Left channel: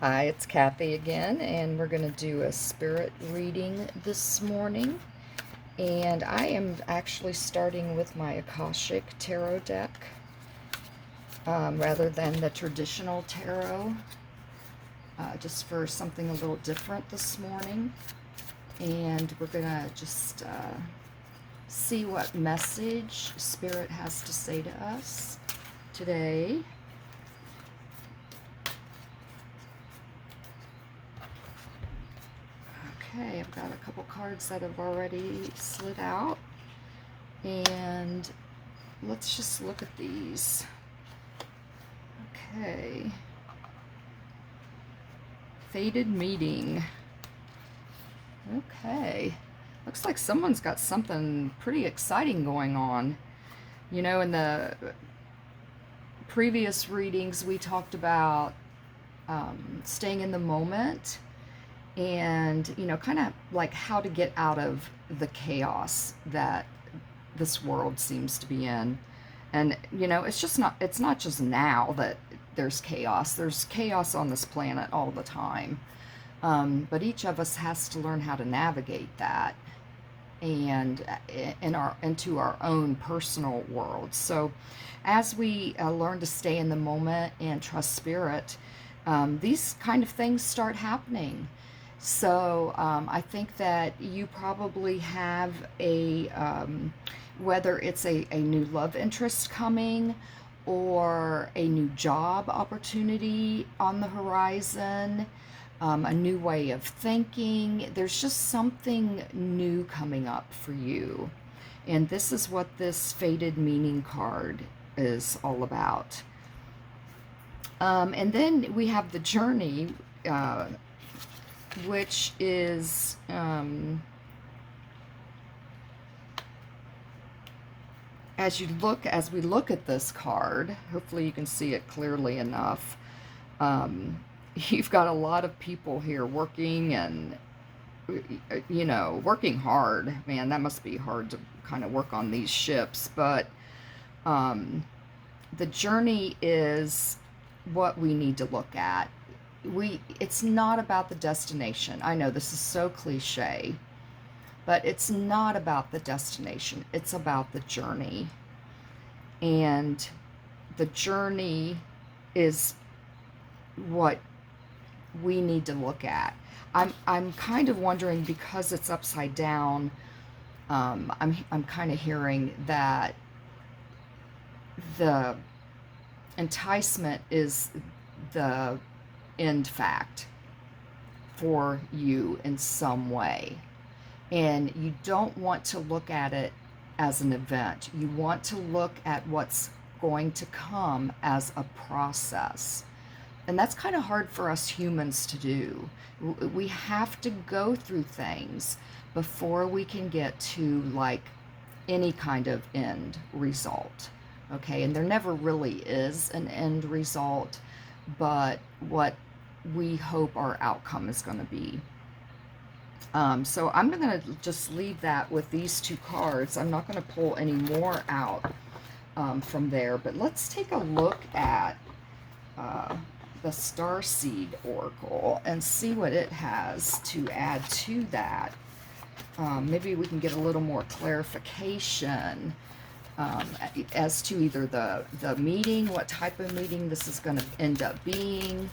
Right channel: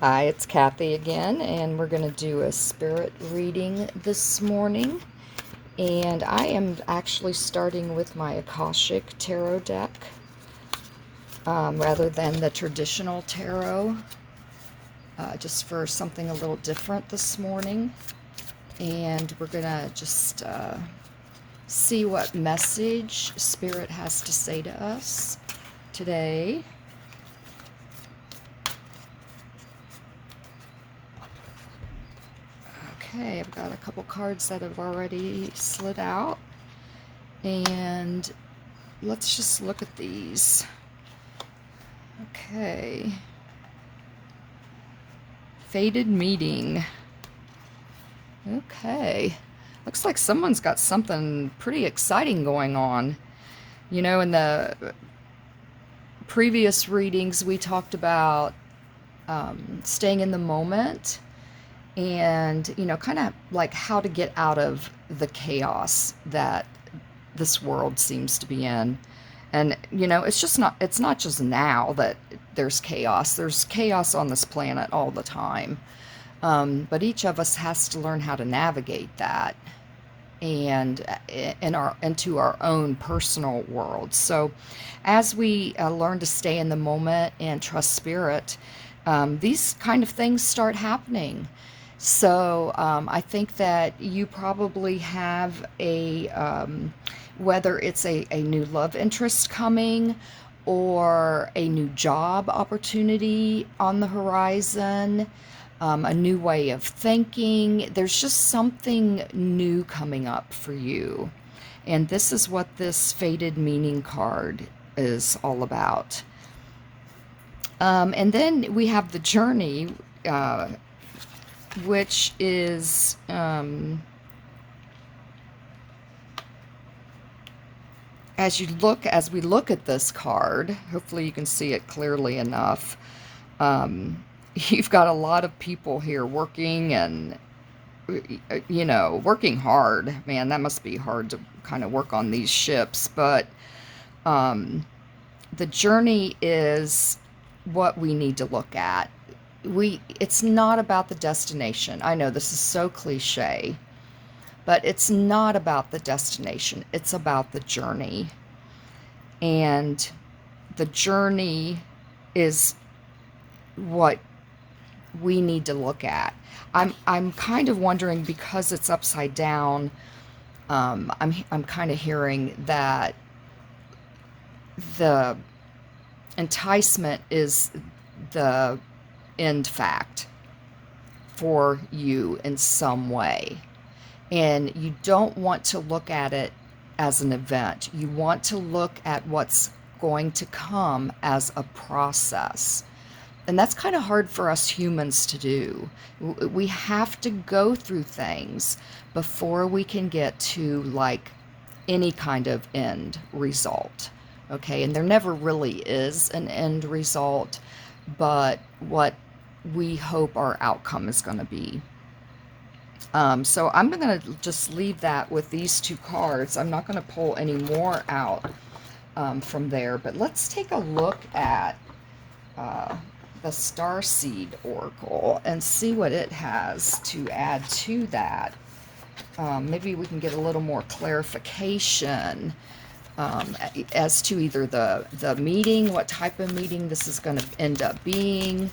Hi, it's Kathy again, and we're going to do a spirit reading this morning. And I am actually starting with my Akashic Tarot deck rather than the traditional tarot, just for something a little different this morning. And we're going to just see what message Spirit has to say to us today. Okay, I've got a couple cards that have already slid out. And let's just look at these. Okay. Fated meeting. Okay. Looks like someone's got something pretty exciting going on. You know, in the previous readings, we talked about staying in the moment and, kind of like how to get out of the chaos that this world seems to be in. And, it's not just now that there's chaos. There's chaos on this planet all the time. But each of us has to learn how to navigate that and into our own personal world. So as we learn to stay in the moment and trust spirit, these kind of things start happening. So I think that you probably have whether it's a new love interest coming or a new job opportunity on the horizon, a new way of thinking. There's just something new coming up for you. And this is what this Fated Meaning card is all about. And then we have the Journey, which is as we look at this card, hopefully you can see it clearly enough. You've got a lot of people here working and working hard. Man, that must be hard to kind of work on these ships. But the journey is what we need to look at. It's not about the destination. I know this is so cliche, but it's not about the destination. It's about the journey. And the journey is what we need to look at. I'm kind of wondering, because it's upside down, I'm kind of hearing that the enticement is the end fact for you in some way. And you don't want to look at it as an event. You want to look at what's going to come as a process. And that's kind of hard for us humans to do. We have to go through things before we can get to like any kind of end result. Okay, and there never really is an end result, but what we hope our outcome is going to be. So I'm going to just leave that with these two cards. I'm not going to pull any more out from there, but let's take a look at the Starseed Oracle and see what it has to add to that. Maybe we can get a little more clarification as to either the meeting, what type of meeting this is going to end up being.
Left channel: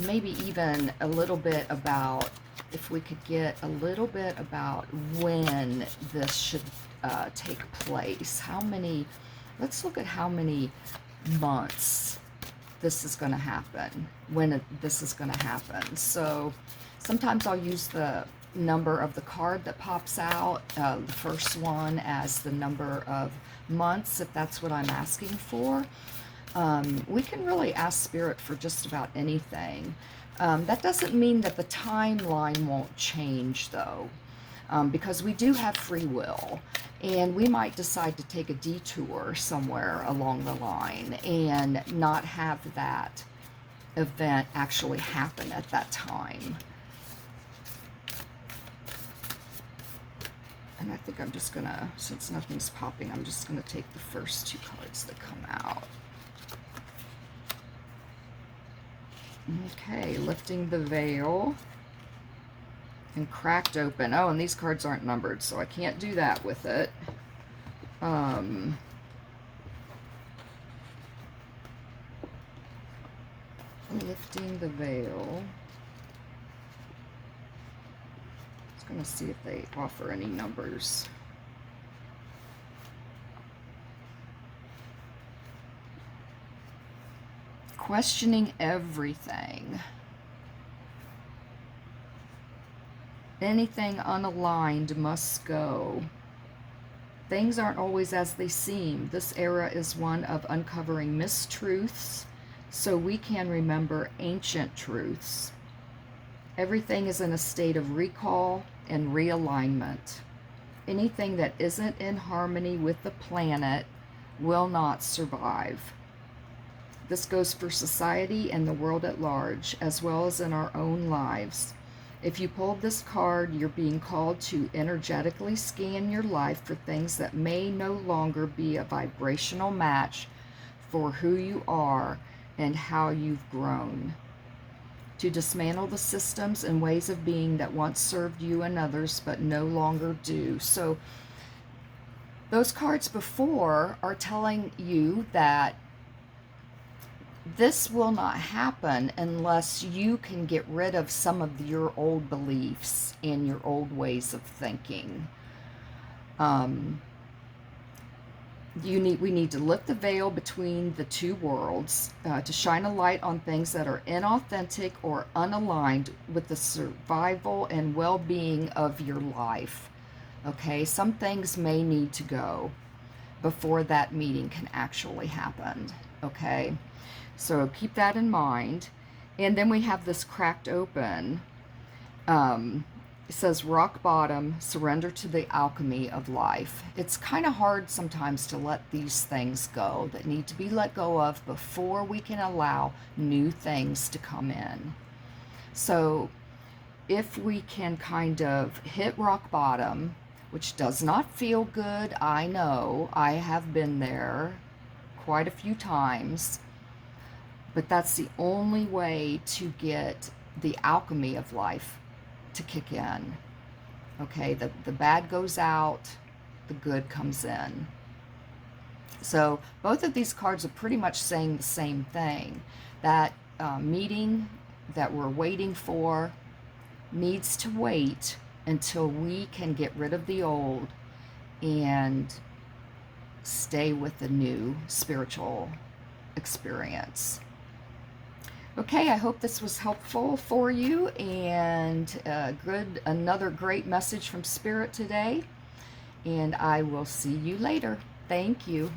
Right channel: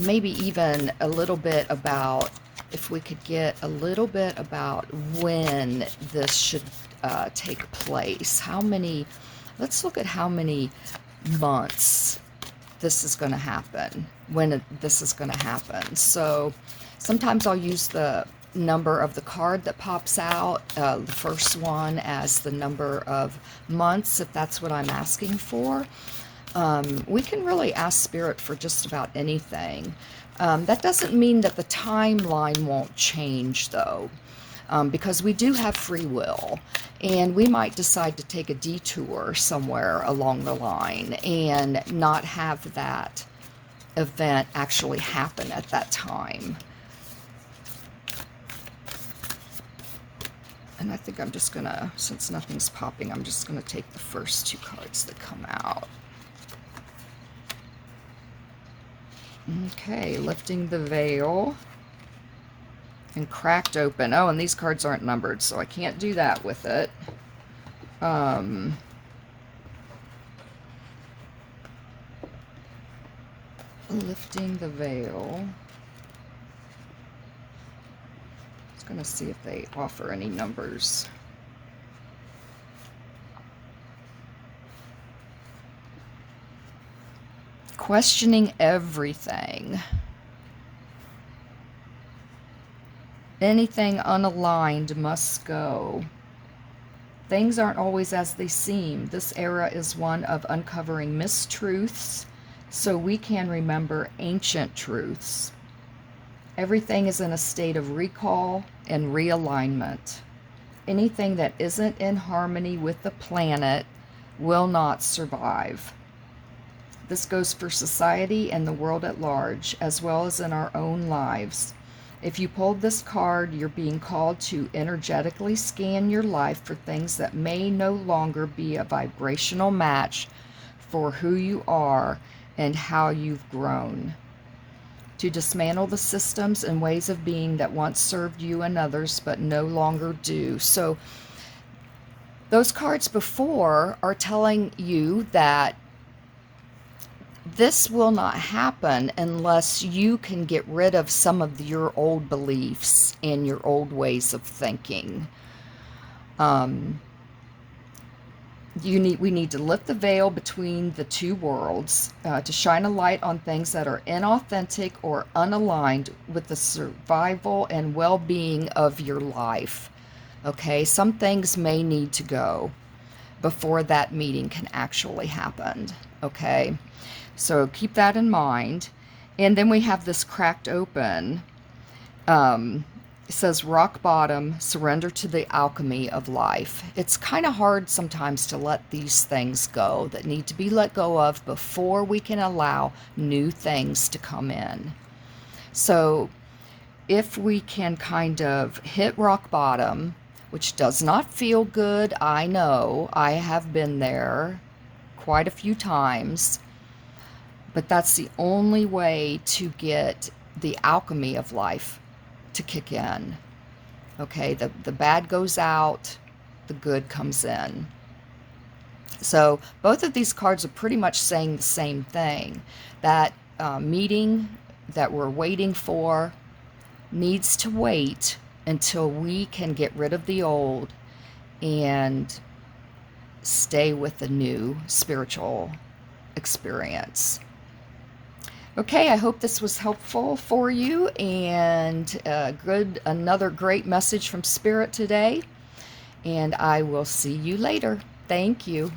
Maybe even a little bit about, if we could get a little bit about when this should take place. Let's look at how many months this is going to happen, when this is going to happen. So sometimes I'll use the number of the card that pops out, the first one, as the number of months, if that's what I'm asking for. We can really ask Spirit for just about anything. That doesn't mean that the timeline won't change, though, because we do have free will, and we might decide to take a detour somewhere along the line and not have that event actually happen at that time. And I think I'm just gonna, since nothing's popping, I'm just gonna take the first two cards that come out. Okay, lifting the veil and cracked open. Oh, and these cards aren't numbered, so I can't do that with it. Lifting the veil. I was going to see if they offer any numbers. Questioning everything. Anything unaligned must go. Things aren't always as they seem. This era is one of uncovering mistruths so we can remember ancient truths. Everything is in a state of recall and realignment. Anything that isn't in harmony with the planet will not survive. This goes for society and the world at large, as well as in our own lives. If you pulled this card, you're being called to energetically scan your life for things that may no longer be a vibrational match for who you are and how you've grown. To dismantle the systems and ways of being that once served you and others but no longer do. So those cards before are telling you that this will not happen unless you can get rid of some of your old beliefs and your old ways of thinking. We need to lift the veil between the two worlds to shine a light on things that are inauthentic or unaligned with the survival and well-being of your life. Okay, some things may need to go before that meeting can actually happen. Okay, so keep that in mind. And then we have this cracked open. It says rock bottom, surrender to the alchemy of life. It's kind of hard sometimes to let these things go that need to be let go of before we can allow new things to come in. So if we can kind of hit rock bottom, which does not feel good, I know, I have been there quite a few times, but that's the only way to get the alchemy of life to kick in. Okay, the bad goes out, the good comes in. So both of these cards are pretty much saying the same thing. That meeting that we're waiting for needs to wait until we can get rid of the old and stay with the new spiritual experience. Okay, I hope this was helpful for you and another great message from Spirit today. And I will see you later. Thank you.